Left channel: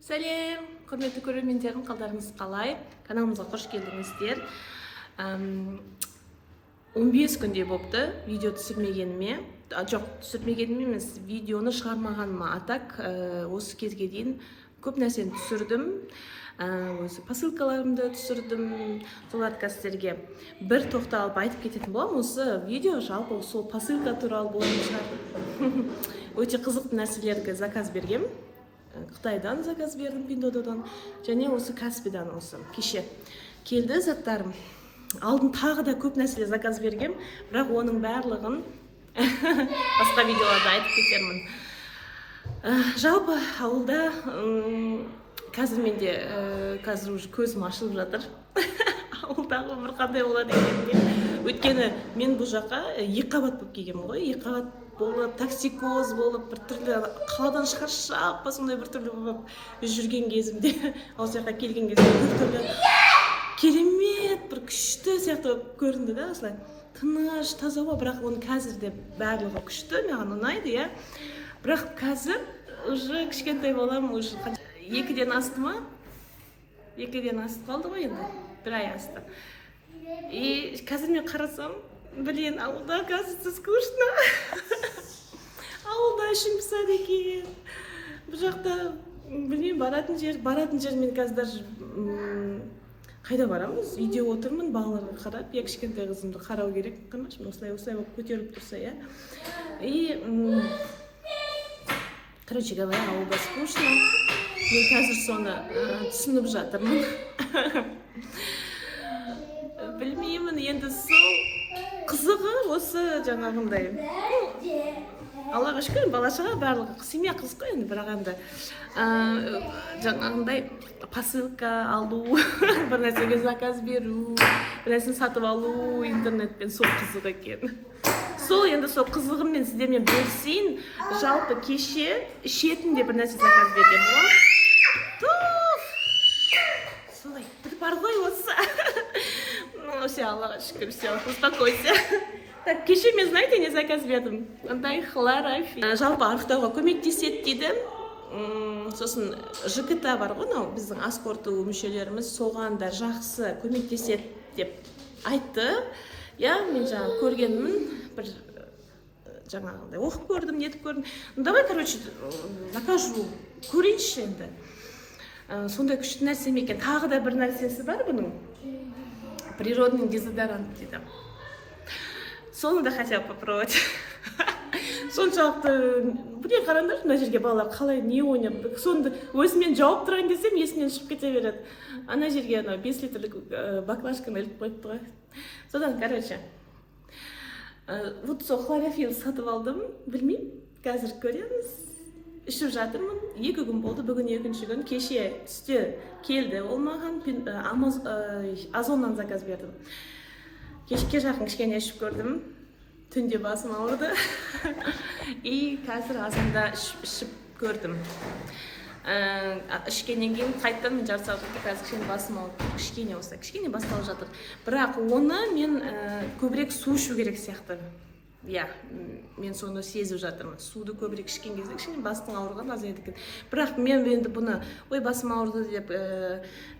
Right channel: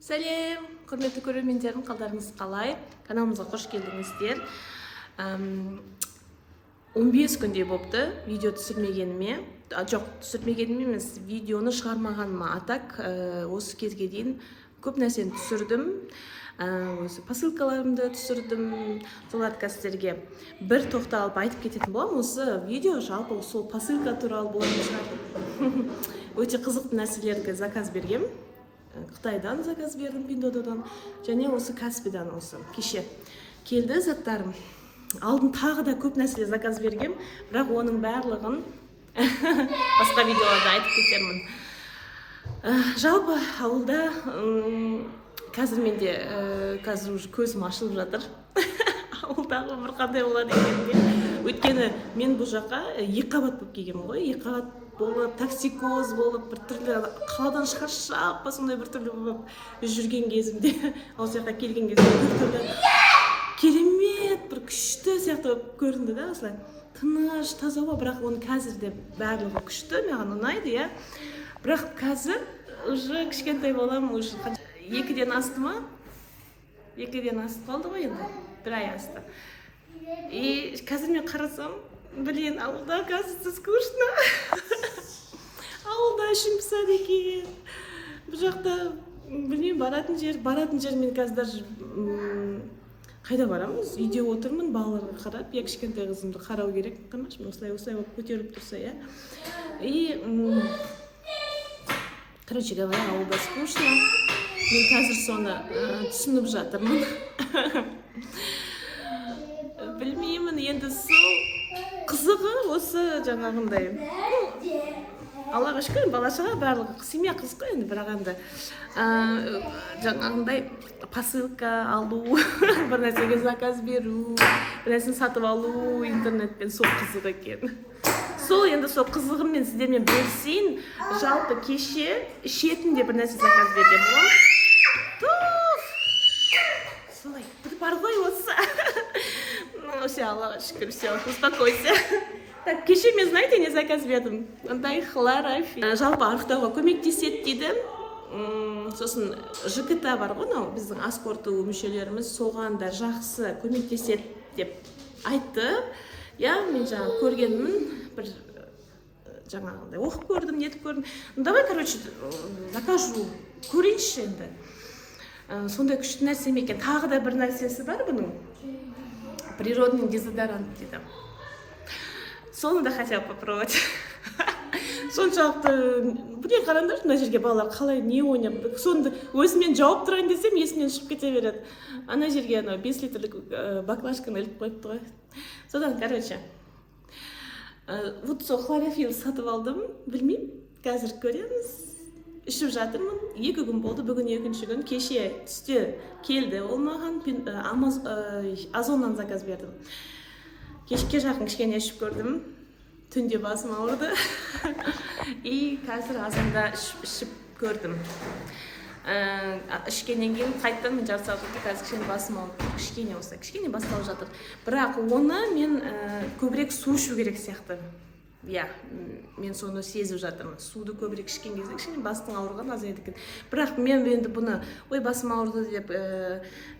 Сәлем, құрметті көрермендерім, қалдарыңыз қалай? Каналымызға қош келдіңіздер. 15 күндей болыпты видео түсірмегеніме. Жоқ, түсірмегеніме емес, видеоны шығармағаныма. Атак, осы кезге дейін көп нәрсені түсірдім. Осы посылкаларымды түсірдім. Солатқа сіздерге бір тоқталып айтып кететін боламын. Осы видео жалпы сол посылка туралы болатын шығар. Өте қызықты нәрселерге заказ бергем. Қытайдан заказ бердім, Пиндодан, және осы Каспидан осы кеше келді заттарым. Алдын тағы да көп нәрсе заказ бергем, бірақ оның барлығын басқа видеоларда айтып кетермін. Жалпы ауылда қазір менде қазір уже көзім ашылып жатыр. Ауылдағы өмір қандай болады екенге. Өйткені мен бұл жаққа екі қабат болып келгем ғой. Екі қабат болып, токсикоз болып, бір түрлі қаладан шаршап па сондай бір түрлі болып жүрген кезімде, ол жаққа келген кезімде бір түрлі керемет, бір күшті сияқты көрінді да, осылай тыныш, таза ауа, бірақ оның қазір де барлығы күшті, маған ұнайды, иә. Бірақ қазір уже кішкентай балам уже 2-ден асты ма? 2-ден асып қалды ғой енді, бір ай асты. И қазір мен қарасам, блин, ауылда оказывается скучно. Ауылда ішім пысады екен. Бұл жақта, білмеймін, баратын жер мен қазір қайда барамыз? Үйде отырмын, балаларға қарап, кішкентай қызымды қарау керек. Қарашы, осылай болып көтеріліп тұрса, иә. И, короче говоря, ауылда скучно. Мен қазір соны түсініп жатырмын. Білмеймін, енді сол қызығы осы жаңағындай. Аллаға шүкір, бала-шаға барлығы семья қыз қой енді, бірақ енді жаңағындай посылка алу, бір нәрсеге заказ беру, бір нәрсені сатып алу интернетпен сол қызық екен. Сол енді сол қызығыммен сіздермен бөлісейін. Жалпы кеше шетінде бір нәрсе заказ берген болам. Солай, бір бар ғой осы. Ну, все, Аллаға шүкір, все, успокойся. Так, кеше мен, знаете, не заказ бердім. Андай хлорофилл. Жалпы арықтауға көмектеседі дейді. Сосын ЖКТ бар ғой, біздің аскорту мүшелеріміз соған да жақсы көмектеседі деп айтты. Я, мен жаңа көргенмін, бір жаңағындай оқып көрдім, нетіп көрдім. Давай, короче, закажу, көрейінші енді. Сондай күшті нәрсе екен. Тағы да бір нәрсесі бар бұның. Природный дезодорант дейді. Соны да хотя бы попробовать. Соншалықты, бұне қараңдар, мына жерге балалар қалай не ойнап. Сонды өзімен жауып тұрайын десем, есімнен шығып кете береді. Ана жерге 5 литрлік баклажканы іліп қойыпты ғой. Содан, короче, вот сол хлорофилл сатып алдым, білмеймін, қазір көреміз. Ішіп жатырмын, 2 күн болды, бүгін 2-ші күн, кеше түсте келді, ол маған Озоннан заказ бердім. Кешке жақын кішкене ішіп көрдім, түнде басым ауырды. И қазір Озонда ішіп көрдім. Ішкеннен кейін қайттан мен жарты сағат өтті, қазір кішкене басым ауырды. Кішкене басталып жатыр. Бірақ оны мен көбірек су ішу керек сияқты. Я, мен соны сезіп жатырмын. Суды көбірек ішкен кезде кішкене бастың ауырған азайды екен. Бірақ мен енді бұны, ой, басым ауырды деп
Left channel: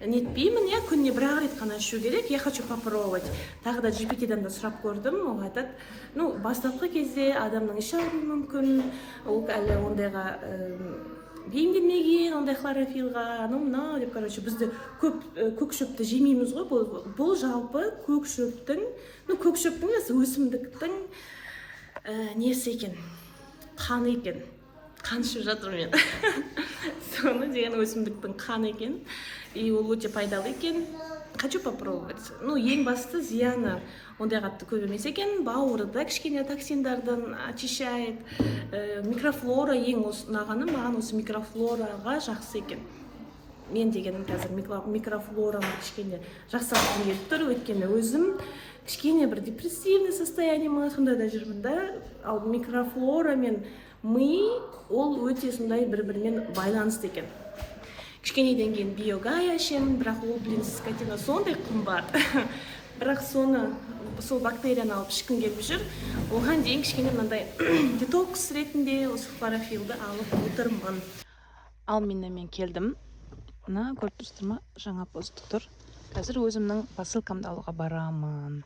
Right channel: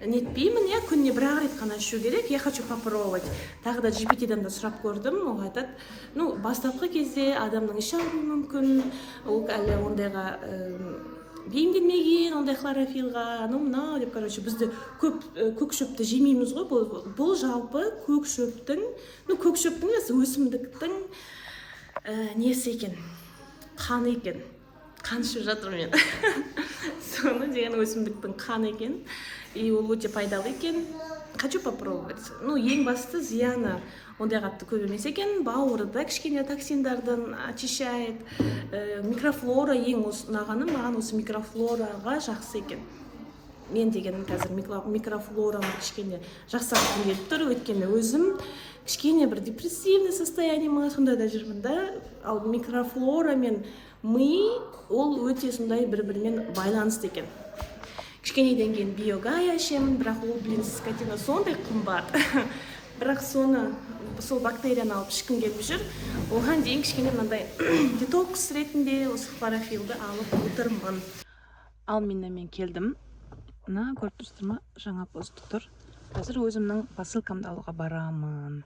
нетпеймін, я күніне бір-ақ рет қана ішу керек. Я хочу попробовать. Тағы да GPT-дан да сұрап көрдім. Ол айтады, ну, бастапқы кезде адамның іші ауруы мүмкін, ол әлі ондайға бейімделмеген, ондай хлорофиллға, ну, мынау деп, короче, бізді көк шөпті жемейміз ғой. Бұл жалпы көк шөптің, ну, көк шөптің өсімдіктің несі екен, қаны екен. Қан ішіп жатырмын мен. Соны деген өсімдіктің қаны екен. И ол өте пайдалы екен. Хочу попробовать. Ну, ең басты зияны ондай қатты көп емес екен. Бауырда кішкене токсиндардан очищает. Микрофлора ең ұнағаны маған осы микрофлораға жақсы екен. Мен деген қазір микрофлорамды кішкене жақсартқым келіп тұр. Өйткені өзім кішкене бір депрессивный состояние ма, сондай да жүрмін да. Ал микрофлора мен ми, ол өте сондай бір-бірімен байланысты екен. Кішкенеден кейін биогая ішемін, бірақ ол, блин, скотина сондай қымбат. Бірақ соны, сол бактерияны алып ішкім келіп жүр. Оған дейін кішкене мынандай детокс ретінде осы хлорофиллді алып отырмын. Ал мен келдім. мына көріп тұрсыздар ма, жаңа посты тұр. Қазір өзімнің посылкамды алуға барамын.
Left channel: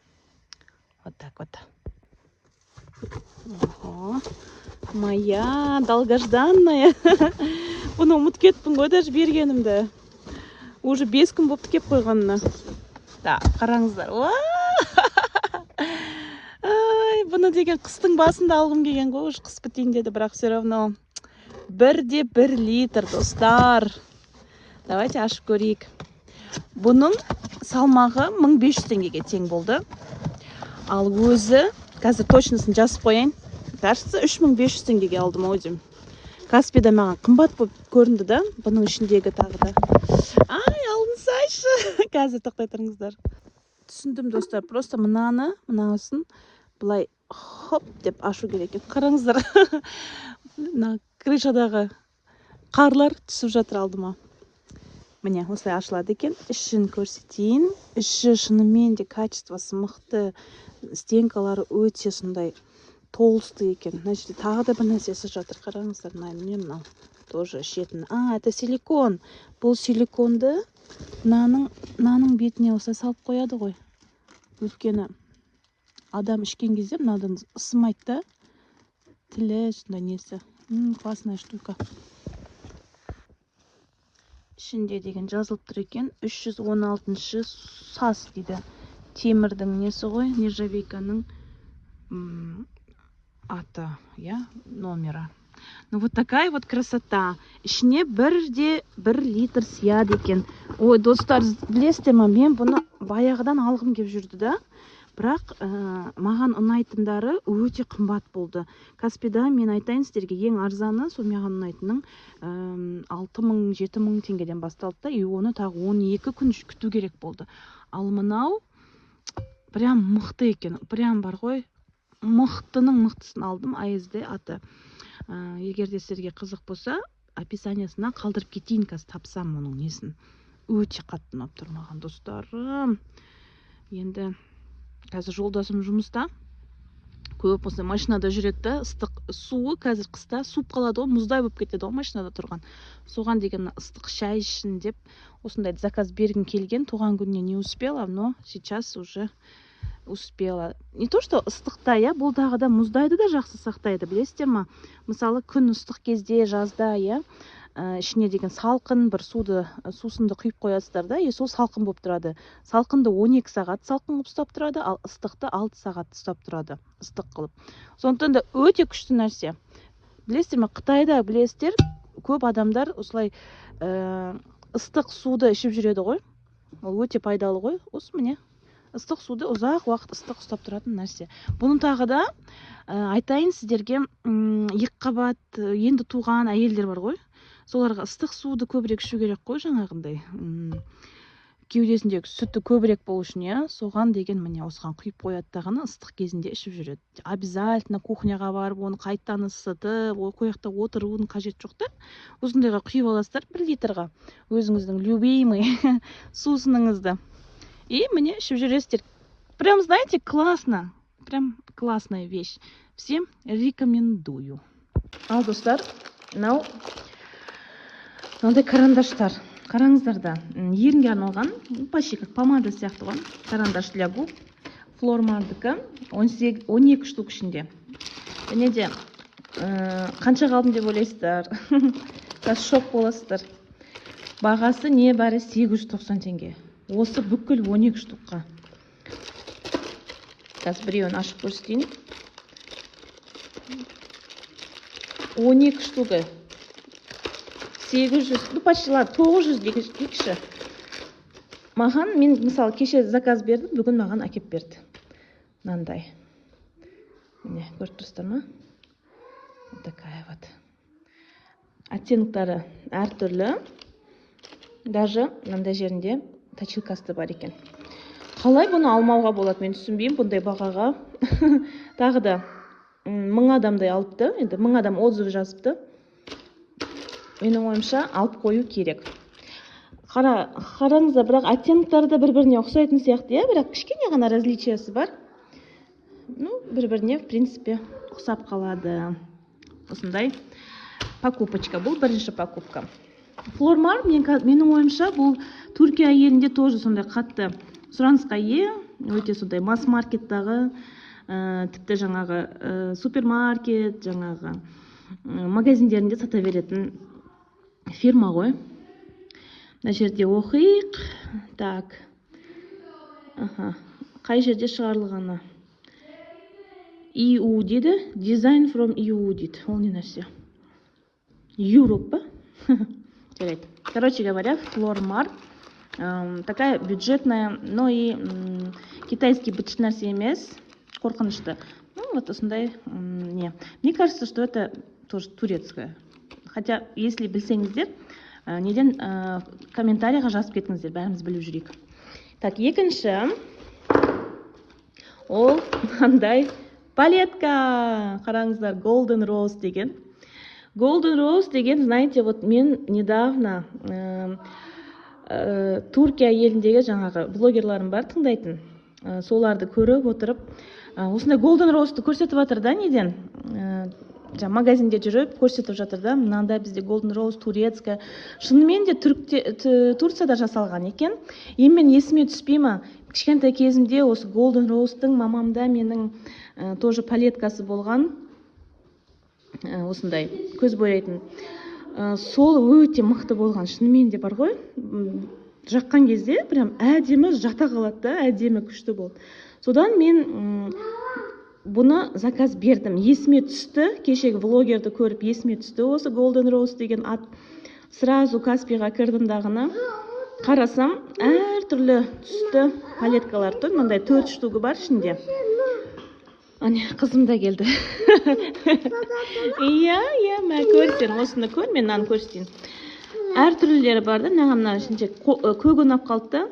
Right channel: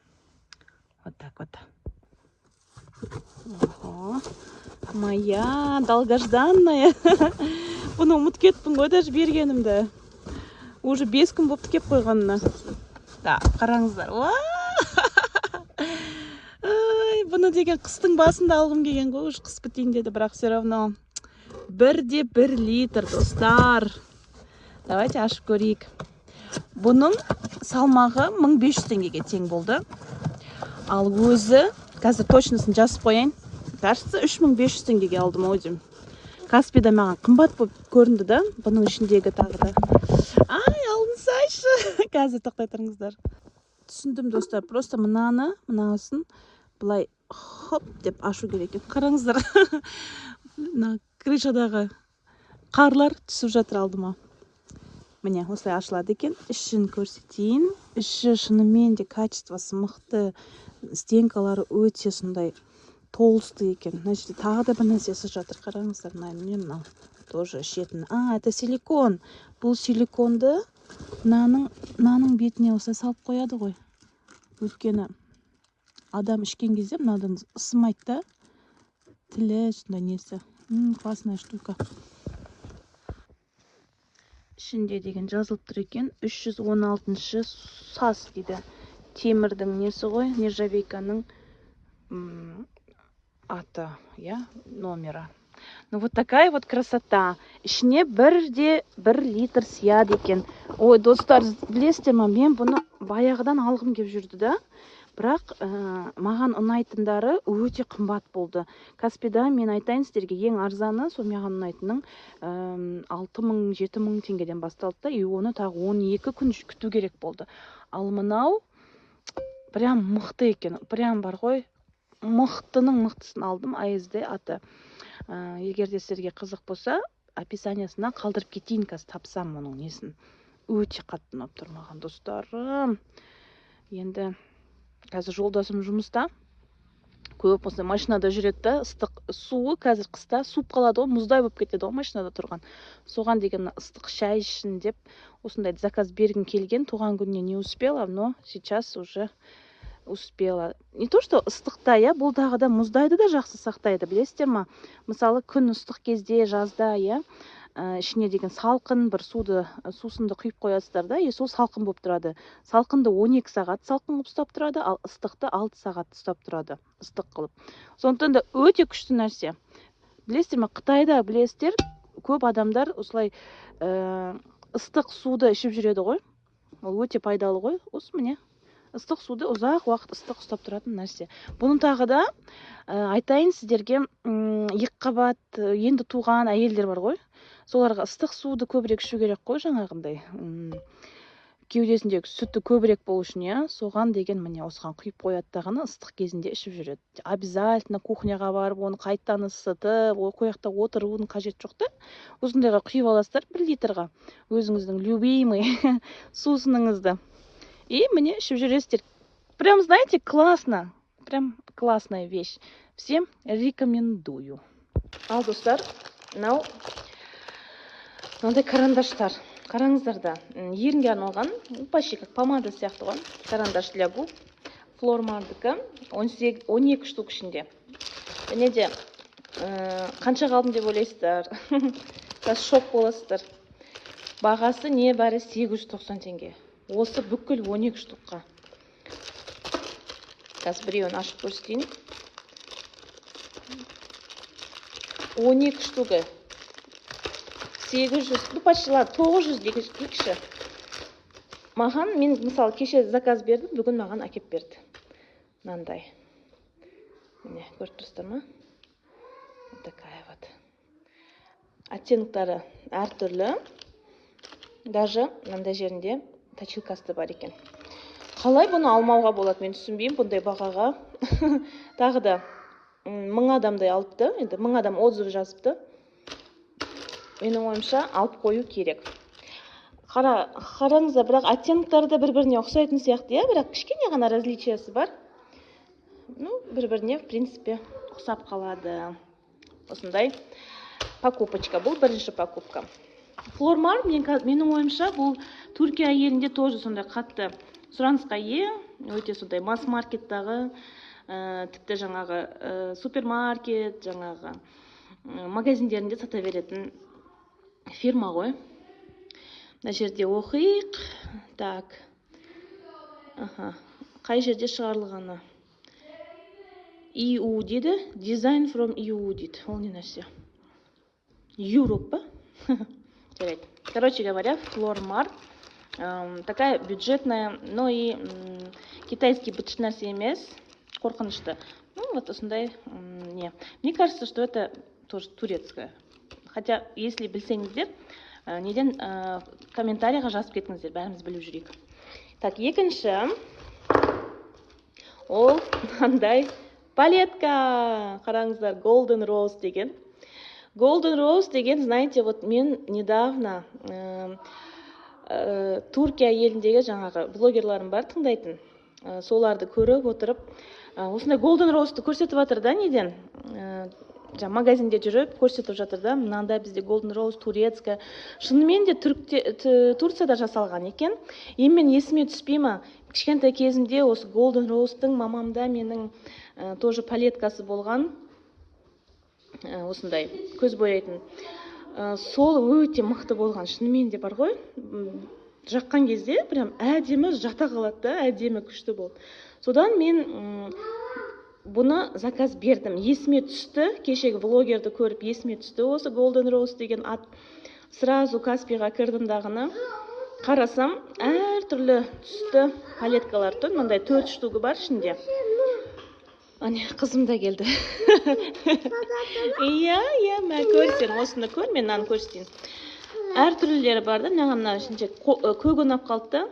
Вот так вот. Ого, моя долгожданная. Бұны ұмыт кеттім ғой даже бергенімді. Уже 5 күн болып кеп қойғанына. Да, қараңыздар. Бұны деген қыстың басында алғым келген ғой, уже қыс бітейін деді, бірақ все равно 1 литр, достар. Давайте ашып көрейік. Бұның салмағы 1500 теңгеге тең болды. Ал өзі, қазір точнысын жазып қояйын. Кажется, 3500 теңгеге алдым өзім. Каспида маған қымбат болып көрінді да, бұның ішіндегі тағы да. Ай, алынсайшы. Қазір тоқтай тұрыңыздар. Түсіндім, достар. Просто мынаусын бұлай хоп деп ашу керек. Қараңыздар. Мына крышадағы қарлар түсіп жатыр алдыма. Міне, осылай ашылады екен. Ішін көрсетейін. Іші шынымен де качествосы мықты. Стенкалары өте сондай толсты екен. Значит, тағы да бір нәрсесі жатыр. Қараңыздар, мынау тоже шетін. Это силикон. Бұл силиконды мынаның бетіне осылай салып қояды ғой. Өйткені адам ішкен кезде мынадан ысымайды да. Тілі сондай несі. Классная штука. Ішінде деген жазылып тұр екен. 316-шы сас дейді. Темірдің несі ғой, нержавейканың аты, номері. Ну вот такая вот красота. Ішіне 1 литр сияды екен. Ой, достар, білесіздер ме, мен бұны баяғыдан алғым кеп жүрді да. Бірақ маған ұнайтындары өте қымбат болды. Каспида мен айтайын сіздерге ең арзаны, сол маған ұнайтының 6000-7000 теңгеден басталды да, оны тағы 12 күн күту керек болды. Ал мынау прям мықты екен. Прям бар ғой, мықтының мықтысын алдым, ASD аты. Егер де сіздерге қызық болса, описаниясына қалдырып кетейін, қазір тапсам оның несін. Өте қатты ұнап тұр маған, достарым. Енді қазір жолдасым жұмыста, көп осы машинада жүреді, ыстық суы қазір қыста суып қалады ғой, мұздай болып кетеді ғой машинада тұрған. Соған деген ыстық шай ішін деп осындай заказ бергім келген. Туған күніне не успела, но сейчас уже успела. Не то что ыстықта, бұл дағы да мұздайды да жақсы сақтайды, білесіздер ма? Мысалы, күн ыстық кезде, жазда, ішіне деген салқын бір сусынды құйып қоясыздар да, сол салқын болып тұрады. Салқынды 12 сағат салқын қылып ұстап тұрады, ал ыстықты 6 сағат ұстап тұрады, ыстық қылып. Сондықтан да өте күшті нәрсе. Білесіздер ме, Қытайда білесіздер, көп адамдар осылай ыстық суды ішіп жүреді ғой. Ол өте пайдалы ғой. Осы міне, ыстық суды ұзақ уақыт ыстық ұстап тұратын нәрсе. Бұның тағы да айтайын сіздерге, екіқабат енді туған әйелдер бар ғой. Соларға ыстық суды көбірек ішу керек қой, жаңағындай. Кеудесіндегі сүті көбірек болу үшін, соған деген міне осыған құйып қояттағаны ыстық кезінде ішіп жүреді. Обязательно кухняға барып, оны қайттан ысытып, қояқта отырудың қажет жоқты. Осындайға құйып аласыздар 1 литрға. Өзіңіздің любимый сусыныңызды. И міне ішіп жүресіздер. Прям, знаете, классно. Прям классная вещь. Всем рекомендую. Ал, достар, мынандай карандаштар. Қараңыздар да, ерінге арналған, почти как помада сияқты ғой. Карандаш для губ. Флормардікі 12 штук ішінде. Және де қанша қалдым деп ойлайсыздар. Қазір шок боласыздар. Бағасы не бәрі 890 теңге. Осы бүкіл 12 штукқа. Қазір біреуін ашып көрсетейін. 12 штуғы. 800, почти 900 дегіші. Маған, мен мысалы кеше заказ бердім, бүгін маған әкеп берді. Мынандай. Міне, көріп тұрсыздар ма? Вот такая вот. Оттенктары әртүрлі. Даже мынандай жерінде точилкасы бар екен. Қалай бұны алмауға болады, мен түсінбеймін бұндай бағаға. Тағы да 1000 адамдай алыпты, енді 1000 адам отзыв жазыпты. Менің ойымша алып қою керек. Қараңыздар, бірақ оттенктары да бір-біріне ұқсайтын сияқты, бірақ кішкене ғана различиясы бар. Бір-біріне, в принципе, ұқсап қалады. Осындай покупочка. Бұл бірінші покупка. Флормар менің ойымша бұл Түркия елінде тоже сондай қатты сұранысқа ие, өте сондай масс-маркеттағы, тіпті жаңағы супермаркет, жаңағы магазиндерінде сата беретін фирма ғой. Мына жерде оқиық. Так. Қай жерде шығарылғаны? EU дейді. Design from EU дейді. Ол не нәрсе? Европа. Жарайды. Короче говоря, Флормар такая бюджетная, но и китайский быт нәрсе емес, қорқынышты. Ну, вот осындай не. Мне кажется, что это тоже турецкая. Хотя, если білсеңіздер, неден комментарийға жазып кетіңіздер, бәріміз біліп жүрейік. Так, екінші, ол мынандай палетка. Қараңыздар, Golden Rose деген. Golden Rose деген, знаете, вот мен недавно Түркия еліндегі жаңағы блогерларым бар тыңдайтын. Соларды көріп отырып, осындай Golden Rose'ты көрсетіп жатыр да, неден? Магазинде жүріп көрсетіп жатыр да, мынандай бізде Golden Rose турецкая. Шынымен де Турцияда жасалған екен. Мен есіме түспей ма, кішкентай кезімде осы Golden Rose'тың мамамда менің тоже палеткасы болған. Осындай көз бояйтын. Сол өте мықты болған, шынымен де бар ғой. Жаққан кезде прям әдемі жата қалады да, әдемі күшті болды. Содан мен бұны заказ бердім. Есіме түсті, кешегі влогерді көріп есіме түсті. Осы Golden Rose деген ат. Сразу Каспиға кірдім дағына. Қарасам, әртүрлі түсті палеткалар тұр. Мындай 4 штугы бар ішінде. Ане, қызым да келді. Иә, мен көрсен, осыны көр, мен наны көрсетейін. Әр түрлілері бар да, мына ішінде көк ұнап қалды.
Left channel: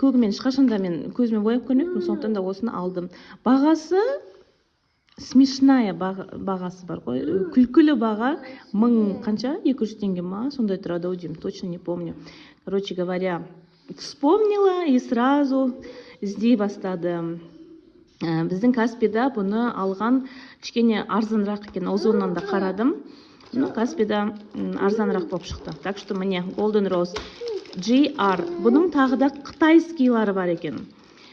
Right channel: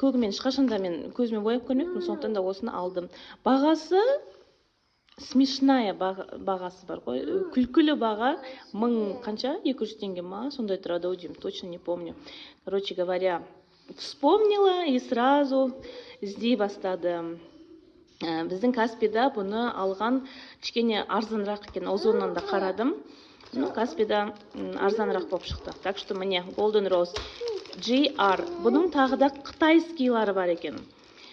Көгімен ешқашанда мен көзіме бояп көрмеппін, сондықтан да осыны алдым. Бағасы смешная бағасы бар ғой. Күлкілі баға 1000 қанша? 200 теңге ма? Сондай тұрады ау деймін, точно не помню. Короче говоря, вспомнила и сразу іздей бастады. Біздің Каспида бұны алған кішкене арзанырақ екен. Озоннан да қарадым. Каспида арзанырақ болып шықты. Так что міне Golden Rose GR. Бұның тағы да қытайскийлары бар екен.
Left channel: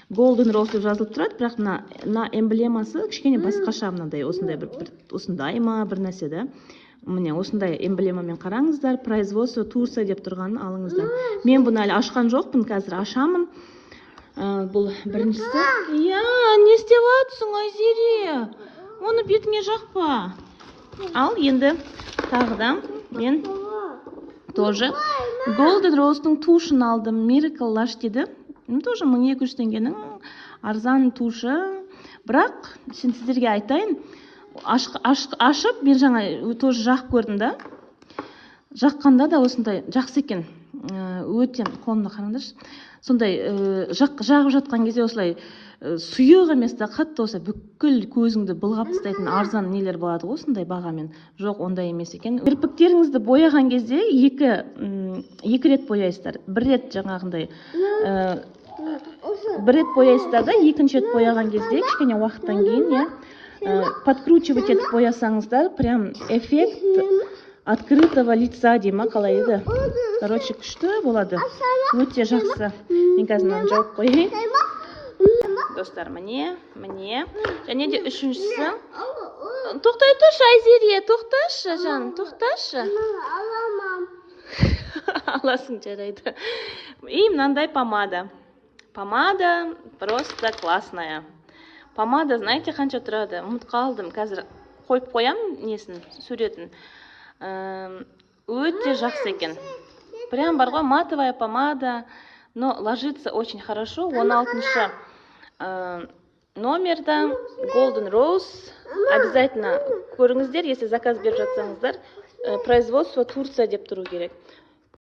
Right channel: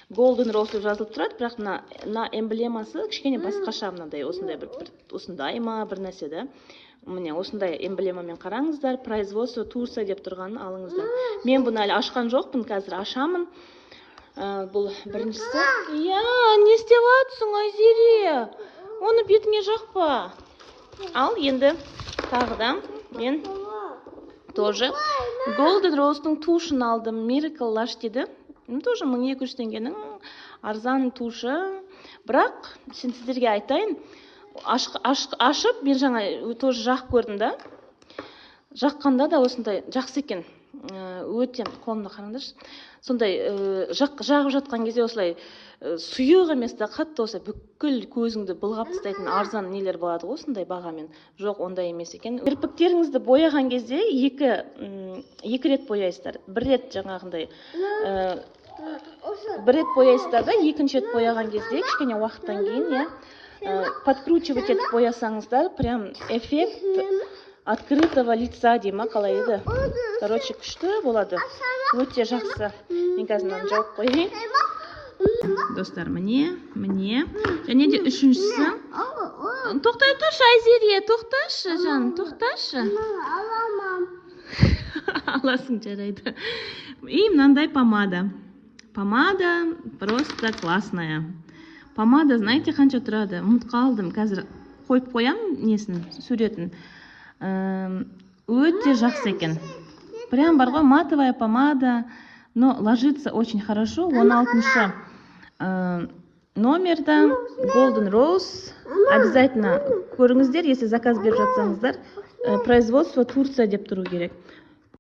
Golden Rose деп жазылып тұрады, бірақ мына эмблемасы кішкене басқаша, мынандай осындай ма бір нәрсе да. Міне осындай эмблемамен қараңыздар. Производство Турция деп тұрғанын алыңыздар. Мен бұны әлі ашқан жоқпын, қазір ашамын. Бұл біріншісі. Иә, не істеп жатсың, Айзере? Оны бетіңе жақпа. Ал енді тағы да мен тоже Golden Rose'ның тушын алдым. Miracle Lash дейді. Тоже 1200 теңгенің арзан тушы. Бірақ сен сіздерге айтайын, ашып мен жаңа тоже жақып көрдім да. Жаққанда да осындай жақсы екен. Өте қолымда қараңдаршы. Сондай жағып жатқан кезде осылай сұйық емес та қатты осылай бүкіл көзіңді былғап тастайтын арзан нелер болады ғой, осындай бағамен. Жоқ, ондай емес екен. Кірпіктеріңізді бояған кезде екі рет бояйсыздар. Бір рет жаңағындай бір рет бояйсыздар да, екінші рет бояған кезде кішкене уақыттан кейін, подкручивать етіп боясаңыздар, прям эффект открытого лица дейма, қалай еді. Короче, күшті болады. Өте жақсы. Мен қазір мынаны жауып қойайын. Достар, міне. Және де үшіншісі. Тоқтай тұршы, Айзере, тоқташы, жаным, тоқташы. Аласың, жарайды. И мынандай помада. Помада просто классная. Помада, знаете, қанша тұрады? Ұмытып қалдым. Қазір қойып қоям несін, суретін. Өте жақсы екен. Прям бар ғой, матовая помада, но ложится очень хорошо. 16 номерда Golden Rose. Обязательно көріңіздер, если заказ беріп жатсаңыздар. Производство Турция деп тұру керек.